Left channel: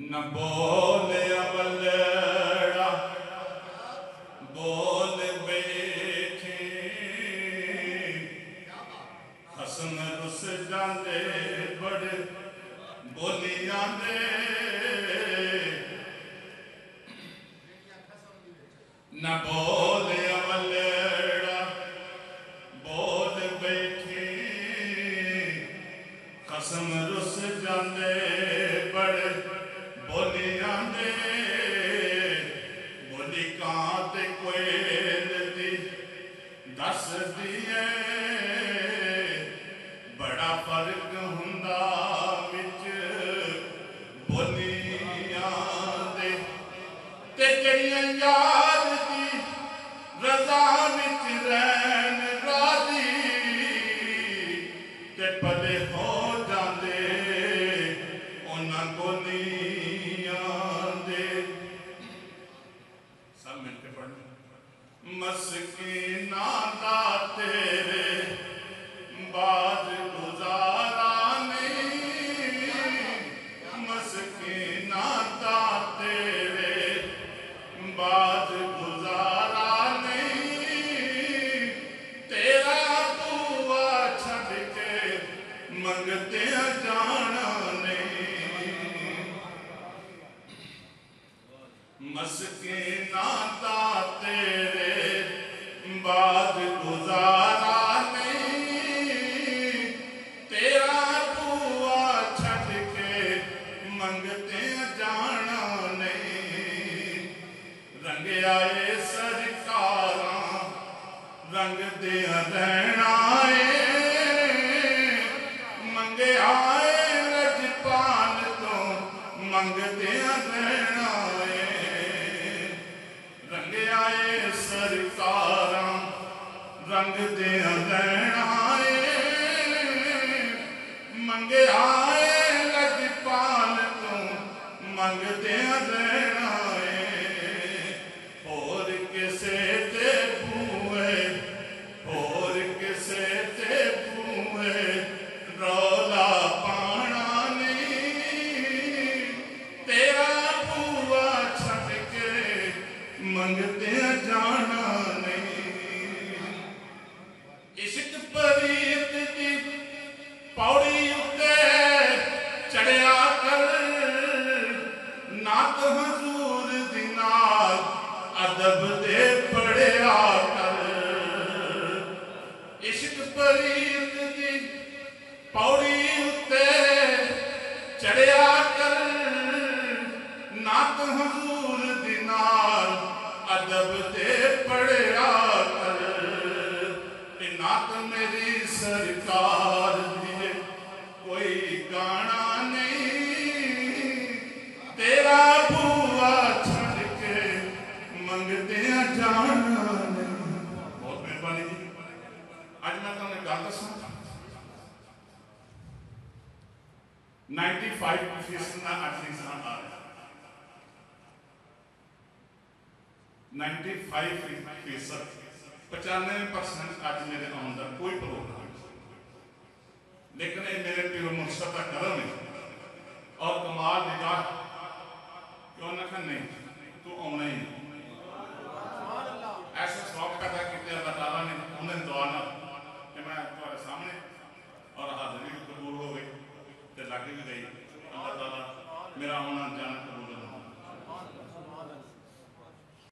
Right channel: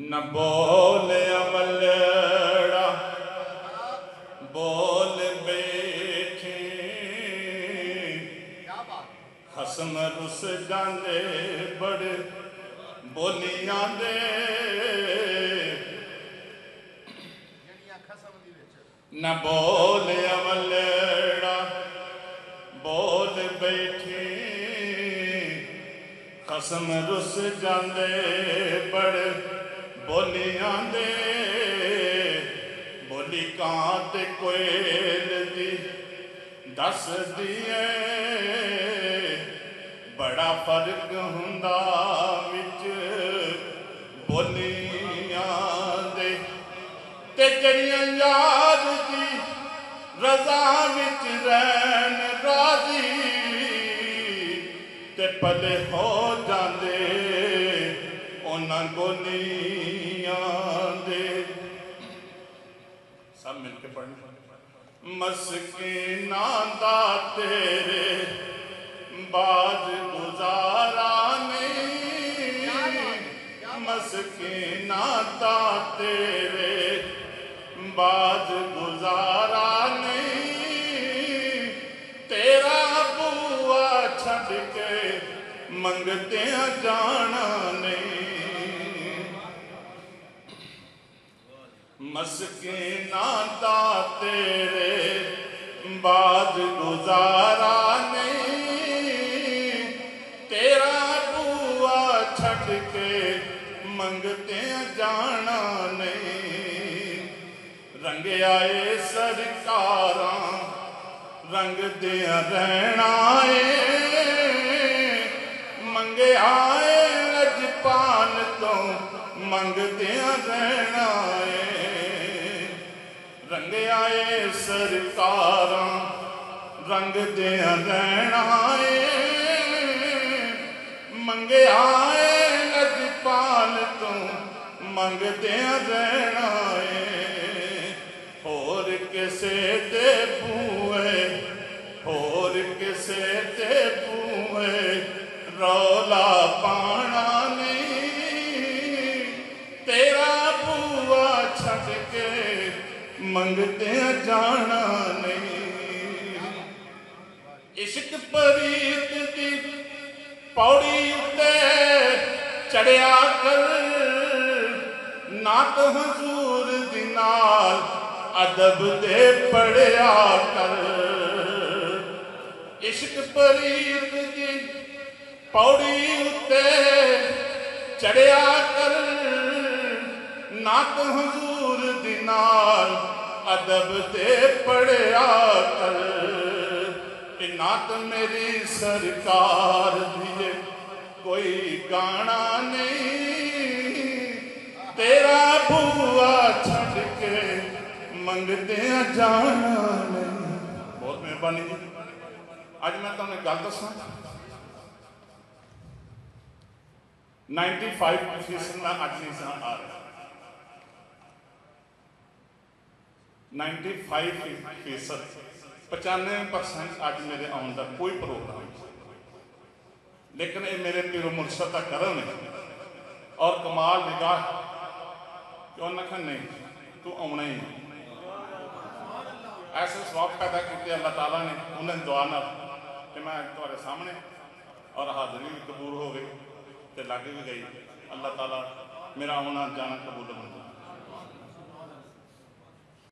نہ بول عملڑا بول بیٹھے خسم رس جاندے بڑے بولی آندے نہ بول عملڑا بول بیٹھے خسم رس جاندے بڑے بولی آندے بولی کان تے کوئل دی دس دیئے بڑا فرق ہوندا وچ بولیاں دے تے جڑیاں یاد دی رضا وچ رہن راضی تے پلے ہو جاندے انہاں گولیاں دے سب مل کے پڑھیں مسکیناں دا تیرے بعد گزارا نہیں مسکیناں دا تیرے بعد گزارا نہیں تیرا بوا چھڈ کے منگتے جانا نہیں مسکیناں دا تیرے بعد گزارا نہیں تیرا بوا چھڈ کے منگتے جانا نہیں رنگ آئے سرکاراں رنگ دیا رہنا منگے آئے لجپال تو منگ دیا رہنا رنگ آئے سرکاراں رنگ دیا رہنا منگے آئے لجپال تو منگ دیا رہنا اور کسے تے بوئے اور کسے تے بوئے رولا پانا نہیں تیرا بوا چھڈ کے منگتے جانا نہیں عشق پریت دی پوڑی اتے چڑھیا کر نعت حضور دی نال ادب دے پڑھیا کر عشق پریت دی پوڑی اتے چڑھیا کر نعت حضور دی نال ادب دے پڑھیا کر نعت میری سرکار دی کوئی گانا نہیں تیرا بوا چھڈ کے منگتے جانا نہیں بہت مہربانی جی آج میں تمہیں گل دساں 95% میں اج انسان آ رہا 95% 95% آج میرے آن کا کوئی پروگرام لیکن یہ میرے پیرو مرشد کا کرم ہے اور کمال نگاہ کیوں نہ کہ نہیں تو آنا ہی ہے ایسے سواب پیدا کیتے اللہ تعالیٰ نے انہیں دعا نہ کہ میں تمہارے سامنے اور حاضری بھی قبول ہو گئی تے لاگے بھی گئی اللہ تعالیٰ میرا آنا جانا قبول